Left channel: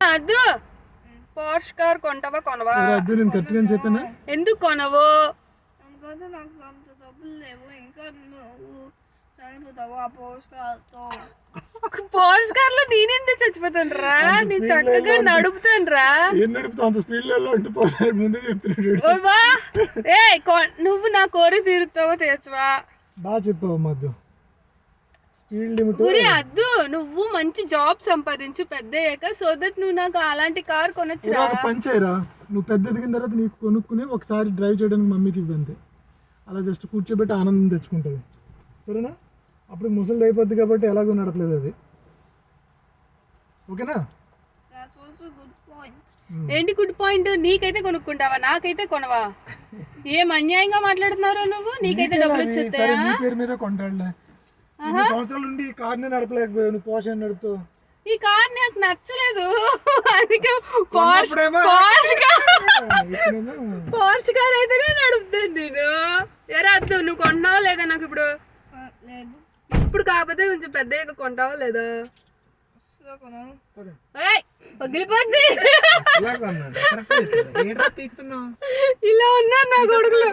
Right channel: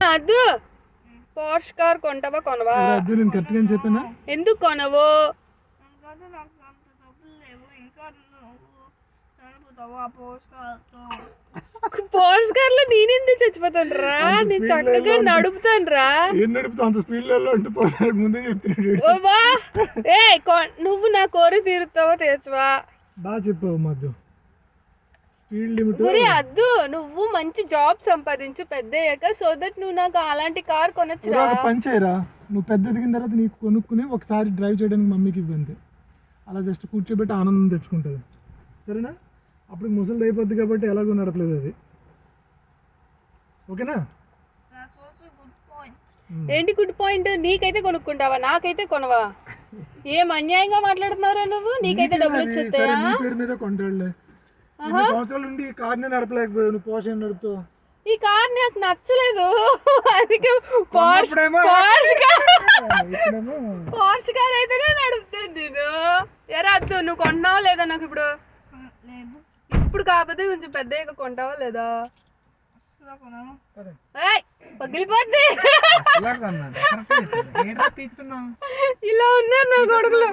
అద్దు Porsche car కొంటావా కొనవా? వద్దు నేను చెప్పానా? ఎందుకు కొనవు? పోర్ష్ కార్లో నేనెందుకు చచ్చిపోతాను నేను చక్కగా నడుపుతాను రా ఏం నడుపుతా అంత స్పీడ్లలో ఉండిపోతాడు ముందే చెప్తున్నాడు ఓ ఏ నువ్వు నా కోరి తీరుతావో తీర్చవా బాగా చెప్పావు మధ్య స్పీడ్ లిమిట్. అద్దు నువ్వు మంచి జాబ్ సంపాదించు పెద్ద అయ్యాక సో దట్ నువ్వు నాకు అలాంటి కార్ కొనొచ్చురా. ఒక పని చేయరా? నువ్వు పెద్ద ఎదిగిన తర్వాత నీకు కొనుక్కుని ఒకసారి డ్రైవ్ చేయడానికి మమ్మీకి ఇవ్వంతే అలా జస్ట్ కూర్చోబెట్టి ఆనందం తెచ్చుకుంటుంది. సరేనా? అప్పుడు ముసలిది అయిపోద్ది కాబట్టి ఎలాగో నడపలేదు అది. ఓకేనా? దట్స్ ఆల్సో గుడ్ పాయింట్ ఏంటి గుడ్ పాయింట్ నీకైతే కొనుక్కుంటావా? నాకైతే కొనవా? ఏం అన్యాయంగా మాట్లాడుతున్నారా నువ్వు? నీకైతే డబ్బులు? వచ్చేస్తాయా? సరే, నీ పేరు మీద కొంటాడులే. సంవత్సరాలు ఉండి ఈ కార్నే నడపలేకపోయావు నువ్వు పోషణ నడుపుతావు? ఈ కార్ నాకు నచ్చలేదు. అందుకే పోర్ష్ పోర్ష్ పోర్ష్ కార్ అయితేనే నడుపుతాను నేను. ఎరా అద్దు నువ్వు కొంటావా లేదా నాకు ఇప్పుడు? లేదు ఇప్పుడు కాకపోతే కొంచెం పెద్దగా కొంటావా లేదా? పగిలిపోద్ది? ఇలా ఉన్నారు నా కొడుకులు?